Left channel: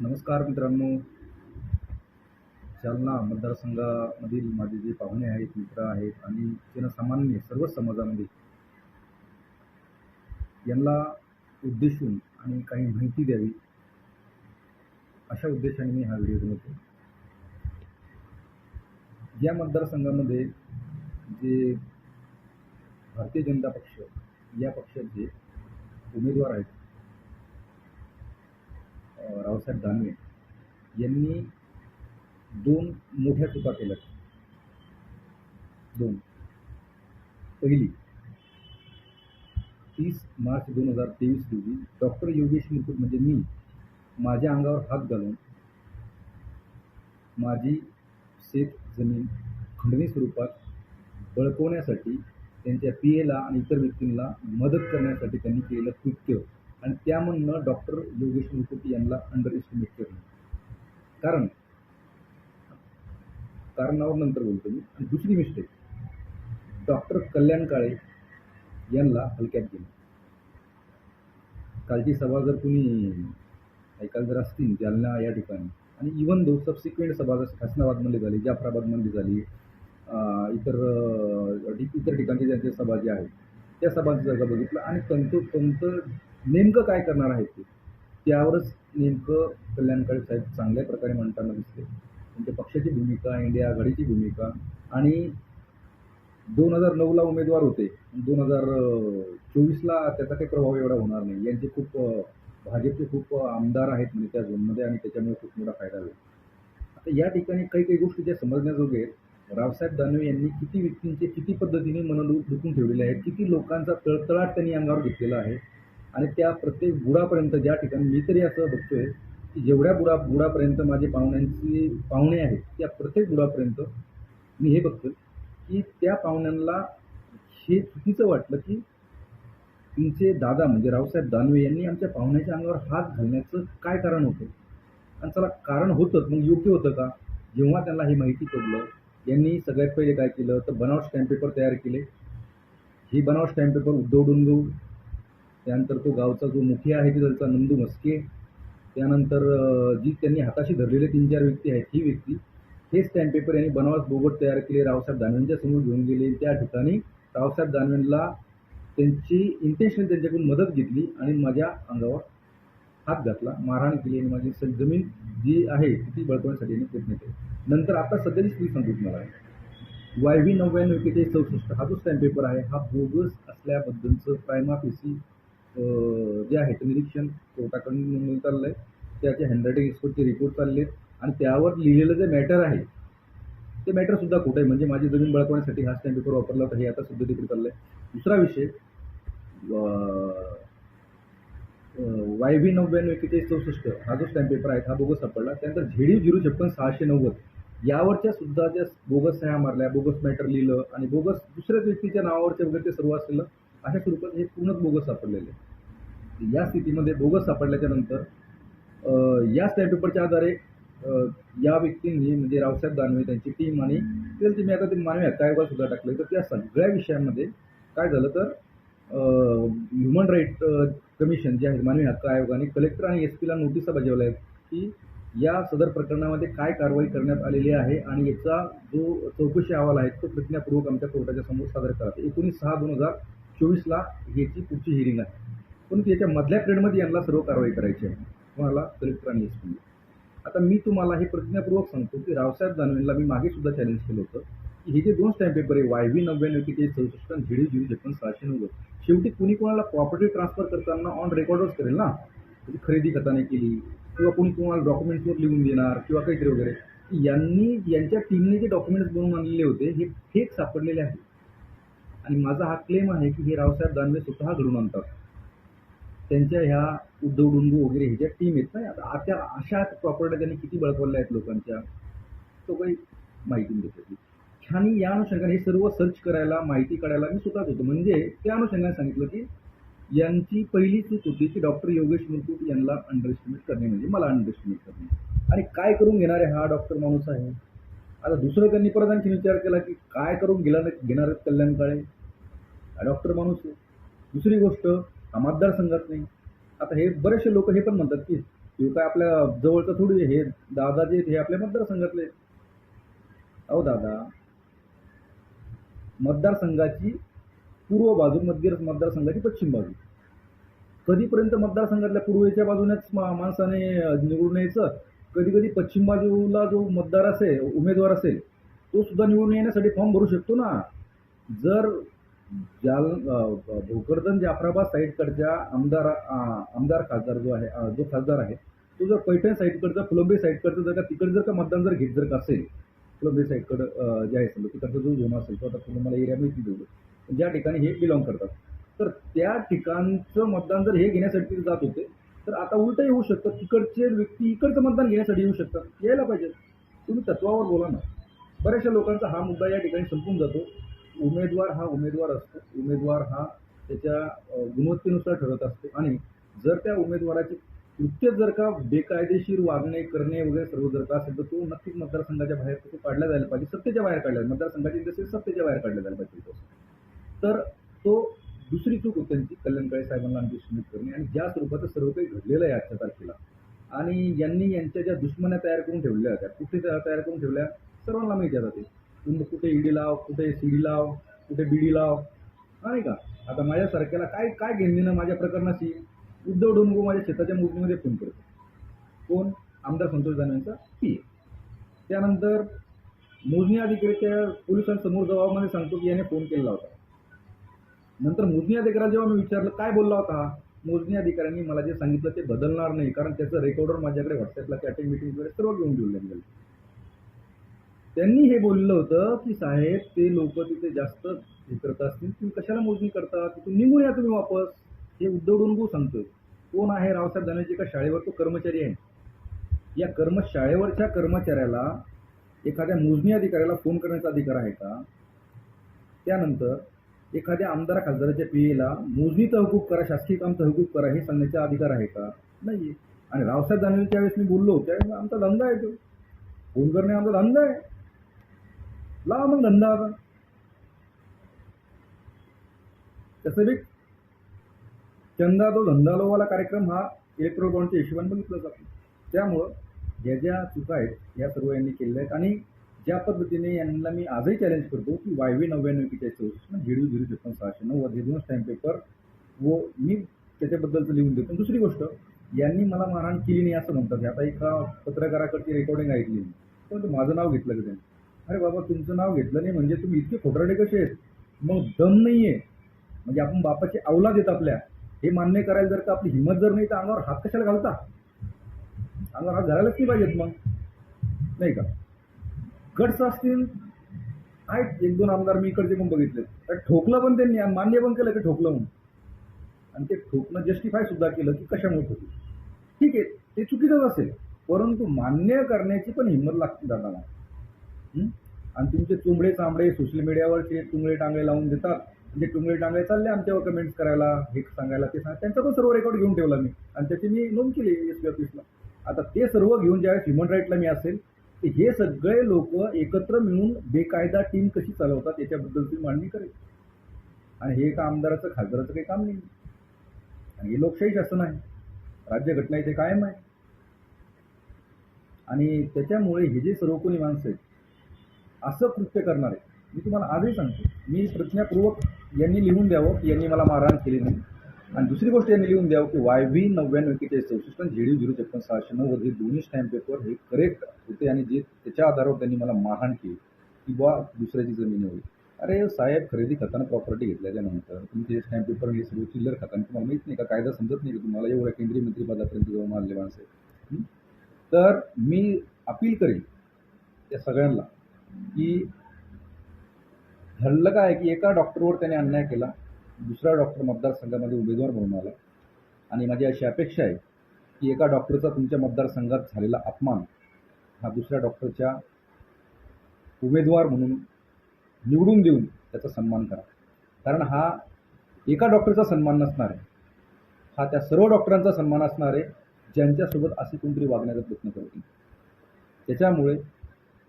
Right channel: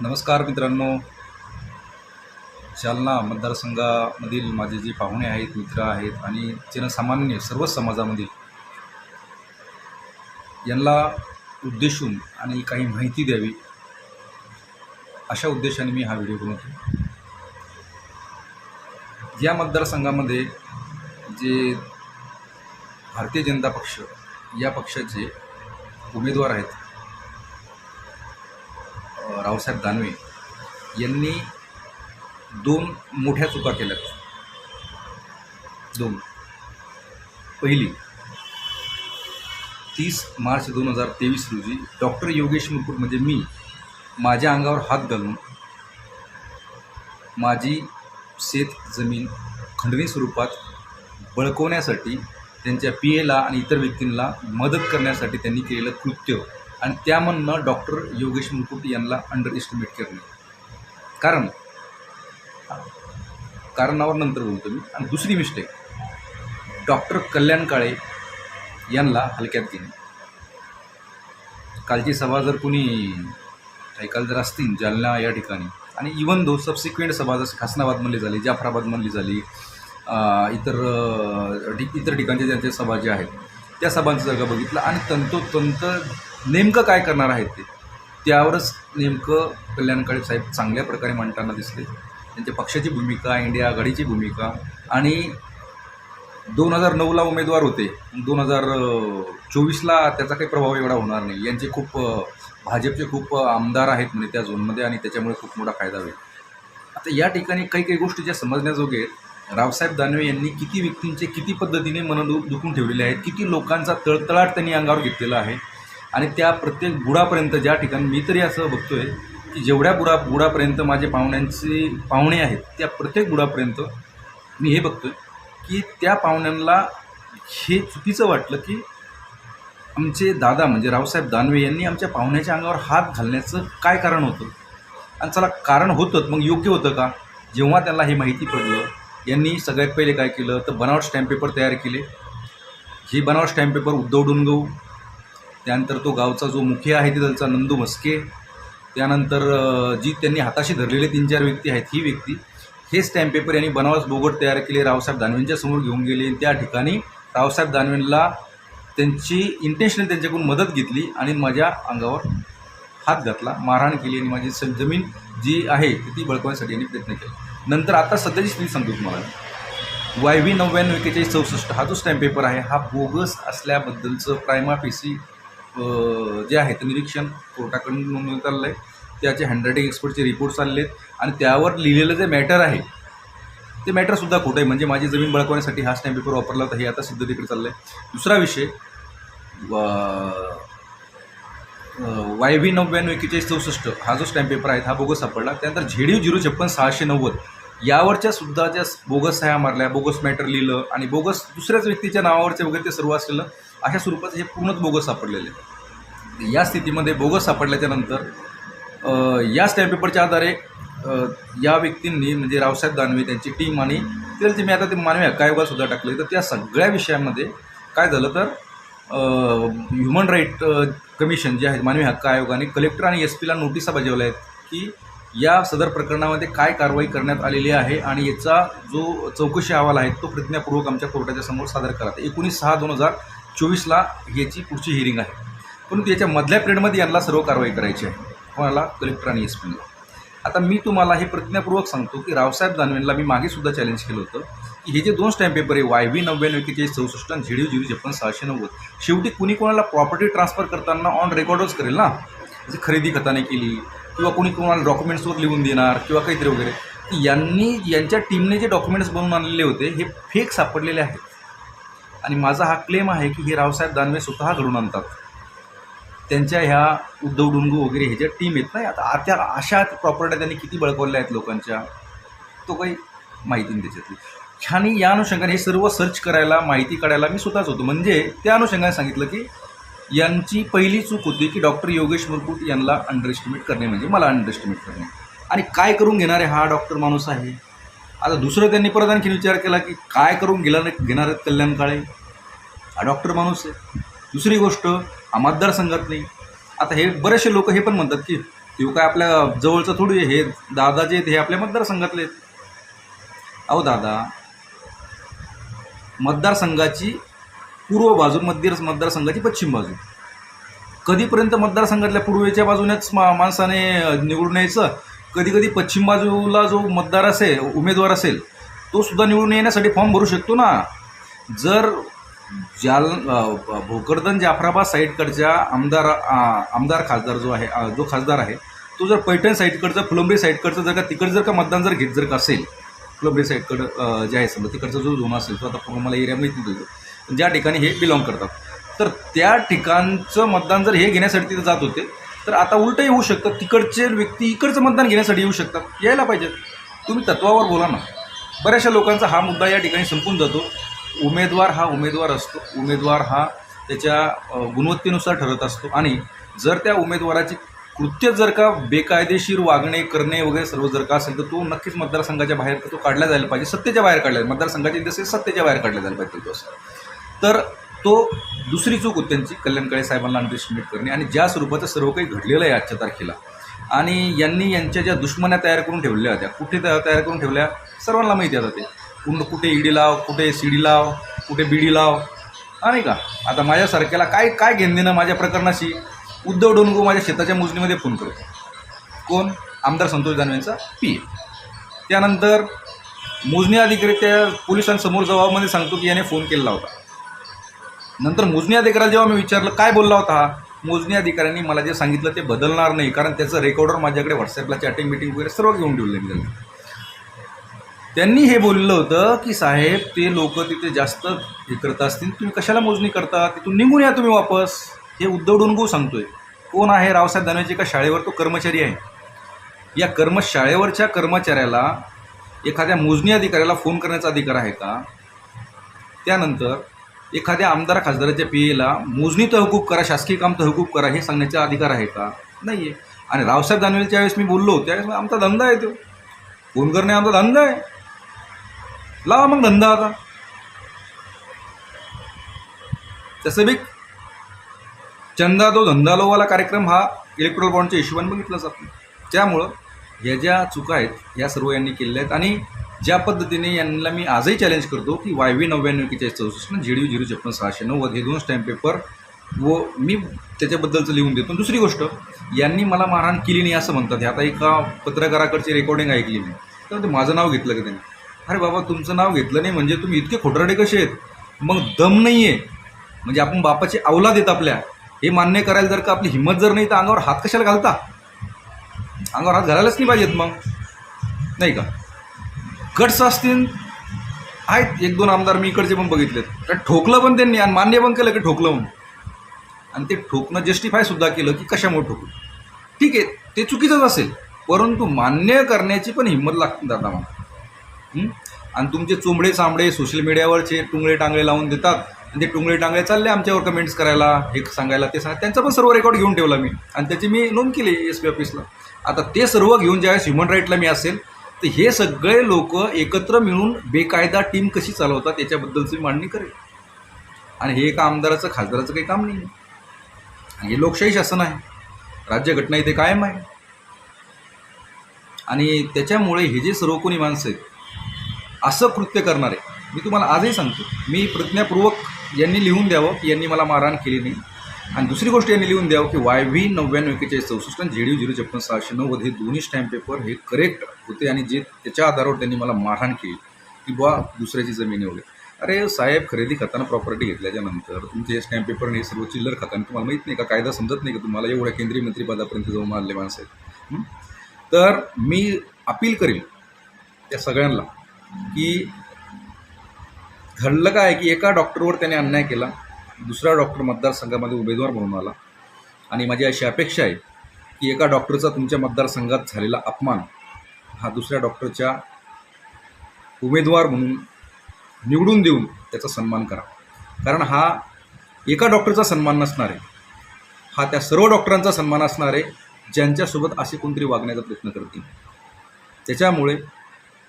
नमस्कार मित्रांनो. जालना मतदारसंघामधील माझे जे पाहुणे आहेत मित्र आहेत आणि जनसामान्य सर्वच समाजामधील यांना उद्देशून आणि काही माहिती द्यावी अशा उद्देशाने मी हा व्हिडिओ बनवतो. या मतदारसंघामध्ये जे भारतीय जनता पक्ष या पक्षाचे उमेदवार आहेत अ, रावसाहेब दानवे यांनी दोन मोठ्या चुका केल्यात. दोन. पहिली तीस मार्च दोन हजार तेवीस रोजी डॉक्टर योगेश मुकुट म्हणजे मी माझ्या अंगावर हात घालून माझी शेत जमीन खंडणी स्वरूपात बळकवण्यासाठी त्यांच्या पी एला आणि इतर व्यक्तींना मदत करण्यासाठी त्यांनी केलेलं कृत्य. आणि त्यामधनं डॉक्टर योगेश मुकुट यांना अंडर एस्टिमेट करणे कारण कारणावर नंतर बोलतो मी आणि दुसरी मिस्टेक डॉक्टर कल्याण काळे यांना हलक्यात घेणे. कालची सभा जर कुणी ऐकायला जर असतील जालना या ठिकाणी आणि इवन दो सबसिक्वेंट सभा जसं खासनाबादमधली झाली जाफराबादमधली झाली इतर इतर ठिकाणच्या ज्यांच्या सभा ज्या आहेत त्या सभांचं जागा बघितलं आणि तंतोतंत नेमकं काय करणार आहेत ते? त्यावरच नेमकं कल्याणकाळी साहेब चांगल्या प्रकारे मांडताना दिसले. त्यांच्या पक्षाची भूमिका इंडिया आघाडीची भूमिका आणि दोन हजार नऊला उमेदवार होते. दोन हजार चोवीसला त्याचा काही प्रभाव एवढा होणार नाही. यांचे खूप भाजपचे खूप आमदार आहेत म्हणजे त्या झोनमध्ये आणि त्याच्यामुळे खूप मोठा फायदा होईल. आता या ठिकाणी काही काही गोष्टी ज्या समजण्याजोगे आहेत रावसाहेब दानवे यांनी किती व्यक्तींचे किती पद्धतीने मन दुखून ठेवलेले आहेत किती लोकांचा तळतळाट त्यांनी अंगावर घेतलेला आहे आणि त्या प्रत्येक बुडापर्यंत ज्या ठिकाणी मी तरी असं बघतो आहे की जेवढ्या बुडा बुडापर्यंत माझे पाहुण्यांचे पाहुणे आहेत त्या प्रत्येक बुडापर्यंत मी हे बघतो आहे की त्या पाहुण्यांना हे चुकीचं वाटलं की आमचे दादा म्हणजे रावसाहेब दानवे यांनी आमच्या पाहुण्याच्या अंगावर हात घालण्याचं काय कारण होतं? आणि चला कारण होतं मग योग्य होतं का? जेव्हा त्यांना हे माहिती पडलं यांनी सगळ्यात पहिले काय केलं? तर बनावट स्टॅम्प पेपर तयार केले. हे बनावट स्टॅम्प पेपर उद्धव डोंगव त्यानंतर तो गावचा जो मुखिया आहे तिथलचा नंदू मस्के त्यानंतर जी त्यांनी हाताशी धरलेले तीन चार व्यक्ती आहेत ही व्यक्ती. हे स्टॅम्प पेपर यांनी बनावस बोगट तयार केले रावसाहेब दानवेंच्या समोर घेऊन गेले. त्या ठिकाणी रावसाहेब दानवेंना त्यांची इंटेन्शनल त्यांच्याकडून मदत घेतली आणि माझ्या अंगावर हात घातला मारहाण केली आणि माझी स- जमीन जी आहे ती बळकवण्यासाठी यांनी प्रयत्न केला. नंतर आता सध्याची स्थिती सांगतो तुम्हाला. वाय व्ही नव्याण्णव एकेचाळीस चौसष्ट हा जो स्टॅम्प पेपर आहे हा बोगस असल्याबद्दलचं प्रायमा पेसी जे आहे ते निरीक्षण कोर्टाकडून नोंदवण्यात आलेलं आहे त्याचे हँडरायटिंग एक्सपर्टचे रिपोर्ट्स आलेले आहेत आणि त्यावर लिहिलेलं जे मॅटर आहे ते मॅटरसुद्धा खोटं आहे? म्हणजे माझी जमीन बळकवण्यासाठी हा स्टॅम्प पेपर वापरला होता हे आता सिद्धतेकडे चाललं आहे दुसरा विषय वाय व्ही नव्याण्णव एक्केचाळीस चौसष्ट हा जो स्टॅम्प पेपर आहे हा बोगस सापडला. त्यानंतर झेडी झिरो छप्पन सहाशे नव्वद यावरच्या सुद्धा ज्या बोगस सह्या मारल्या बोगस मॅटर लिहिलं आणि बोगस दुसऱ्याच व्यक्तीच्या नावावरचे वगैरे ते सर्व असलेलं अशा स्वरूपाचं हे पूर्णच बोगस सापडलेले आहे. या स्थितीमध्ये बोगस सापडल्याच्या नंतर या स्टॅम्प पेपरच्या आधारे या व्यक्तींनी म्हणजे रावसाहेब दानवे त्यांची टीम आणि त्याचे मी आता ते मानवी हक्क आयोगातसुद्धा टाकलं. तर त्या सगळ्या विषयामध्ये काय झालं तर ह्युमन राईट कमिशन जे आहे मानवी हक्क आयोगाने कलेक्टर आणि एस पीला नोटिसा बजावल्या आहेत की या सदर प्रकरणामध्ये काय कारवाई करण्यात आलेली आहे आणि याचा जो चौकशी अहवाल आहे तो प्रतिज्ञापूर्वक आमच्या कोर्टाच्या समोर सादर करा एकोणीस सहा दोन हजार चोवीसला याची पुढची हिअरिंग आहे. परंतु याच्या मधल्या पिरियडमध्ये यांना सर्व कारवाई करायची आहे. कोणाला? कलेक्टर आणि एस पीला आता मी तुम्हाला हे प्रतिज्ञापूर्वक सांगतो की रावसाहेब दानवेंना मी मागे सुद्धा चॅलेंज केलं होतं की हे जे दोन स्टॅम्प पेपर आहे वाय व्ही नव्याण्णव एकेचाळीस चौसष्ट आणि झिडिओ झिरो छप्पन सहाशे नव्वद शेवटी कुणी कोणाला प्रॉपर्टी ट्रान्सफर करताना ऑन रेकॉर्डच करेल ना? म्हणजे खरेदी खताने केली किंवा कोणी कोणाला डॉक्युमेंट्सवर लिहून देणार किंवा काहीतरी वगैरे. यांनी यांच्या टीमने जे डॉक्युमेंट्स बनवून आणलेले होते हे फेक सापडलेले आहेत. आणि माझा हा क्लेम आहे की हे रावसाहेब दानवे स्वतः घडून आणतात. त्यांच्या ह्या उद्धव डुंगू वगैरे हे ज्या टीम आहेत ना आता त्या अशा प्रॉपर्ट्या त्यांनी किती बळकवल्या आहेत लोकांच्या तो काही माहिती नाही त्याच्यातली. ह्यानी या अनुषंगाने हे सर्व सर्च करायला माहिती काढायला मी स्वतःच होतो. म्हणजे त्या अनुषंगाने सांगितलं की यांची पहिली चूक होती की डॉक्टर योगेश मुरकुट यांना अंडरएस्टिमेट करणे म्हणजे मला अंडरएस्टिमेट करणे. आणि काय करून घेणारे हा डॉक्टर माणूस आहे? आता दुसरं त्यांनी परत आणखी विचार केला की काय करून गेला घेणार आहेत कल्याण काळे? हा डॉक्टर माणूस आहे. दुसरी गोष्ट हा मतदारसंघात नाही. आता हे बरेचसे लोक हे पण म्हणतात की तो काय आपल्या जवळचं थोडी हे दादा जे आहेत हे आपल्या मतदारसंघातले आहेत. अहो दादा मतदारसंघाची पूर्व बाजू मध्य मतदारसंघाची पश्चिम बाजू. कधीपर्यंत मतदारसंघातल्या पूर्वेच्या बाजूनेच मा माणसाने निवडून यायचं कधी कधी पश्चिम बाजूला जो मतदार असेल उमेदवार असेल तो सुद्धा निवडून येण्यासाठी फॉर्म भरू शकतो ना. जर जाल भोकरदन जाफराबाद साईडकडच्या आमदार आमदार खासदार जो आहे जो खासदार आहे तो जर पैठण साईडकडचं फुलंबरी साईडकडचं जर का तिकडं जर का मतदान जर घेत जर का असेल फुलंबरी साईडकडं जे आहे समजा तिकडचा जो झोन असेल तो आता पूर्ण मला एरिया माहीत नाही ज्या ठिकाणी हे बिलॉंग करतात तर त्या ठिकाणचं मतदान जर हे घेण्यासाठी तिथं जात होते तर आता उलटंही होऊ शकतं. तिकडचे व्यक्ती इकडचं मतदान घेण्यासाठी येऊ शकतात. यायला पाहिजेत तुम्ही तत्वावर बोला ना. बऱ्याचशा लोकांचा हा मुद्दा या ठिकाणी संपून जातो. उमेदवार हा उमेदवार असतो. उमेदवार हा त्याच्या गुणवत्तेनुसार ठरत असतो. आणि जर त्या उमेदवाराची कृत्य जर का बेकायदेशीर वागणे करणे वगैरे सर्व जर का असेल तर तो नक्कीच मतदारसंघाच्या बाहेर तो काढला जायला पाहिजे. सत्तेच्या बाहेर काढला जाईल मतदारसंघाची जसे सत्तेच्या बाहेर काढला जायला पाहिजे तो असं. तर तो दुसरी चूक होती त्यांची कल्याणकडे साहेबांना अंडरस्टिमेट करणे. आणि ज्या स्वरूपाचं सर्व काही घडलेलं आहे आजच्या तारखेला आणि यांनी यांच्या ज्या दुश्मन्या तयार करून ठेवल्या होत्या कुठे तयार करून ठेवल्या सर्वांना माहिती आता ते. कुठं कुठे ईडी लाव कुठे सीडी लाव कुठे बीडी लाव हा नाही का? आता माझ्यासारख्याला काय काय घेणं देणं माझ्या प्रकरणाशी? उद्धव डोनगो माझ्या शेताच्या मोजणीमध्ये फोन करतो कोण? आमदार संतोष जानवेंचा पी त्यानंतर मोजणी अधिकारी त्या पोलिसांसमोर जबाबमध्ये सांगतो की याने फोन केलेला होता. नंतर मोजणी अधिकाऱ्याला जेव्हा मी विचारलं काय बोलला होता? मोजणी अधिकाऱ्यांनी मला जे सांगितलं ते बदलणार नाही कारण त्याचं रेकॉर्डर माझ्याकडे व्हॉट्सअपला चॅटिंग मिटिंग वगैरे सर्व घेऊन ठेवले मी त्यांना. त्यांनी हे बोललं होतं की साहेब ते लोक तिथे जास्त हे करत असतील तुम्ही कशाला मोजणी करता? तिथून निघून या तुम्ही वापस. हे उद्धव डोनगो सांगतोय. कोण आहे रावसाहेब दानवेचे का शाळेवर? तो कर्मचारी आहे. या कर्म शाळेवरच्या कर्मचाऱ्याला एखाद्या मोजणी अधिकाऱ्याला फोन करण्याचा अधिकार आहे का? त्यानंतर एखाद्या आमदार खासदाराच्या पी एला मोजणी तहकूब करा शासकीय काम तहकूब करा हे सांगण्याचा अधिकार आहे का? नाही आहे आणि रावसाहेब दानवेलच्या वेळेस मी बोललो त्यावेळेस आमचा धंदा आहे तो. फोन करणे आमचा धंदा आहे. लावा मग धंदा आता. तसं बी चंदा तो धंदालोवाला कार्यक्रम हा इलेक्ट्रॉल बॉन्डच्या हिशोबाने बघितला जातो त्यामुळं ह्या ज्या चुका आहेत या सर्व यांनी केलेल्या आहेत. आणि ज्या पद्धतीने यांना मी आजही चॅलेंज करतो की वाय व्ही नव्याण्णव एकेचाळीस चौसष्ट जी डी झिरो छप्पन सहाशे नव्वद हे दोन स्टॅम्प पेपर व मी त्याच्याबद्दलचं लिहून देतो. दुसरी गोष्ट यांनी मला मारहाण केली नाही असं म्हणतात. आता एका पत्रकाराकडची रेकॉर्डिंग ऐकली मी. तर ते माझं नाव घेतलं की त्यांनी? अरे बाबा तुमचं नाव घेतलं नाही म्हणजे तुम्ही इतके खोटरडे कसे आहेत? मग दम नाही आहे म्हणजे आपण बापाची अवलाद येत आपल्या. हे मान्य करायला जर का आपली हिंमत जर नाही तर अंगावर हात कशाला घालता? अंगावर हात घालायलाच नाही पाहिजेत मग. नाही का? गट्स असतील आहेत. एक दोन आमदार मी इकडचे पण बघितलेत. तर ठोकलं पण त्यांनी आणि मान्य पण केलं की ठोकलं म्हणून. आणि ते ठोकणं जस्टिफाय सुद्धा केलं की कशामुळे ठोकलं? ठीक आहे ते चुकीचंच असेल. परंतु मान्य करण्याची पण हिंमत लागते दादा मला. आणि तुमचे चोंबडे चांबडे सोशल मीडियावरचे टुंगळे टांगळे लावून देतात. आणि ते टुंगळे टांगळे चालले आमच्यावर कमेंट्स करायला हे सांगायला ते सांग त्यांचा पण सर्व रेकॉर्ड घेऊन ठेवला मी. आणि त्याची मी नोंद केली एस पी ऑफिसला आता ते सर्व घेऊन ज्यावेळेस ह्युमन राईटला मी असेल तर हे सगळे लोक एकत्र मिळून बेकायदा टीम कशी चालवतात याच्याबद्दलची मांडणी करेल. आणि हे एका आमदाराचं खासदाराचं काही काम नाही आहे हे लोकशाही शासन आहे. राज्यघटना इथे कायम आहे. आणि त्याच्यामुळे हे जे सर्व कोणी माणसं आहेत असं कृत्य करणारे मी तुम्हाला आजही सांगतो मी प्रज्ञापूर्वक यांनी लिहून द्यावं की यांनी मला मारहाण केली नाही. आणि दुसरी गोष्ट यांनी लिहून द्यावं की वाय व्ही नव्याण्णव एकेचाळीस चौसष्ट आणि यू झिरो छप्पन सहाशे नव्वद हे दोन्ही स्टॅम्प पेपर हे करेक्ट होते आणि जे त्याच्या आधारावर त्यांनी मला मारहाण केली. की बुवा दुसऱ्याची जमीन एवढी अरे साहेब खरेदी खाताना प्रॉपर्टी घेतल्याच्या नंतर तुमचे हे स्टॅम्प पेपर आणि हे सर्व चिल्लर खाताना तुम्हाला माहीत नाही का कायदा समजत नाही का तुम्हाला एवढ्या केंद्रीय मंत्रीपदापर्यंत जाऊन आले माणसं आहेत. तर मी अपील करेन त्या सगळ्यांना की घडलं काय की एका डॉक्टरवर त्याने अन्याय केला दुसरा डॉक्टर मतदारसंघामध्ये उमेदवार म्हणून आला. आणि माझी अशी अपेक्षा आहे की एका डॉक्टरचा तुमच्या मतदारसंघात झालेला अपमान हा दुसऱ्या डॉक्टरच्या उमेदवार म्हणून निवडून देऊन त्याचा सन्मान करा. कारण हा एका डॉक्टरचा सन्मान नसणार आहे. हा त्या सर्व डॉक्टरांचा सन्मान असणार आहे ज्यांच्यासोबत असे कोणतरी वागण्याचा प्रयत्न करतील. त्याच्यामुळे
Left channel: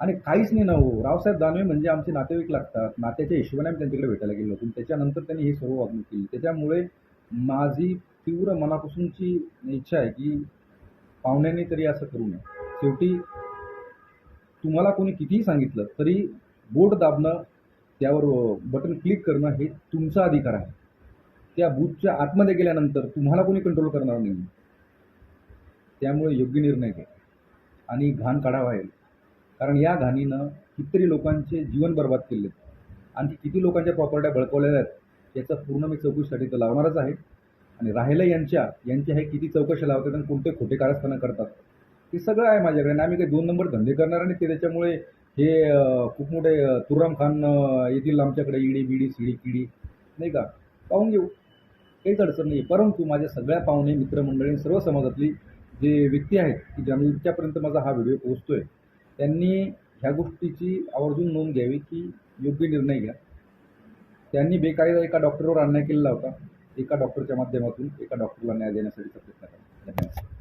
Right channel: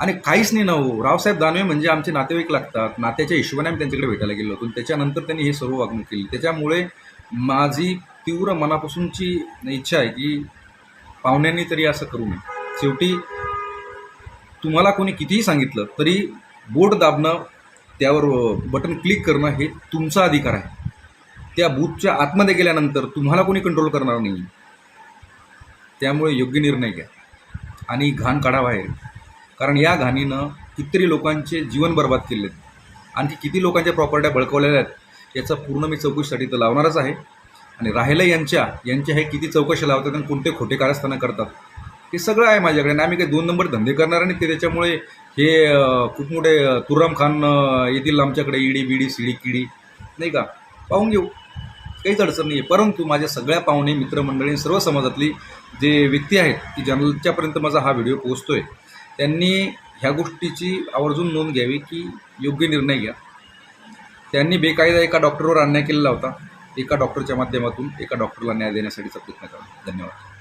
आणि काहीच नाही ना हो रावसाहेब दानवे म्हणजे आमचे नातेवाईक लागतात. नात्याच्या हिशोबाने आम्ही त्यांच्याकडे भेटायला गेलो होतो. त्याच्यानंतर त्यांनी हे सर्व वागणूक केली. त्याच्यामुळे माझी तीव्र मनापासूनची इच्छा आहे की पाहुण्यांनी तरी असं करू नये. शेवटी तुम्हाला कोणी कितीही सांगितलं तरी बोट दाबणं त्यावर बटन क्लिक करणं हे तुमचा अधिकार आहे. त्या बूथच्या आतमध्ये गेल्यानंतर तुम्हाला कोणी कंट्रोल करणार नाही. त्यामुळे योग्य निर्णय घ्या. आणि घाण काढा बाहेर. कारण या घाणीनं कितीतरी लोकांचे जीवन बर्बाद केले आणखी किती लोकांच्या प्रॉपर्ट्या बळकवलेल्या आहेत याचा पूर्ण मी चौकशीसाठी तर लावणारच आहे. आणि राहिलं यांच्या यांच्या हे किती चौकशी लावतात आणि कोणते खोटे कारस्थानं करतात हे सगळं आहे माझ्याकडे. आणि आम्ही काही दोन नंबर धंदे करणार आणि ते त्याच्यामुळे हे खूप मोठे तुराम खान येतील आमच्याकडे इडी बिडी सिडी किडी नाही का? पाहून घेऊ. काहीच अडचण नाही आहे परंतु माझ्या सगळ्या पाहुणे मित्रमंडळी सर्व समाजातली जे व्यक्ती आहेत की ज्यांच्यापर्यंत माझा हा व्हिडिओ पोहोचतोय. त्यांनी ह्या गोष्टीची आवर्जून नोंद घ्यावी की योग्य निर्णय घ्या. त्यांनी बेकायदा एका डॉक्टरवर अन्याय केलेला होता. एका डॉक्टरच्या माध्यमातून एका डॉक्टरला न्याय देण्यासाठीचा प्रयत्न करा धन्यवाद.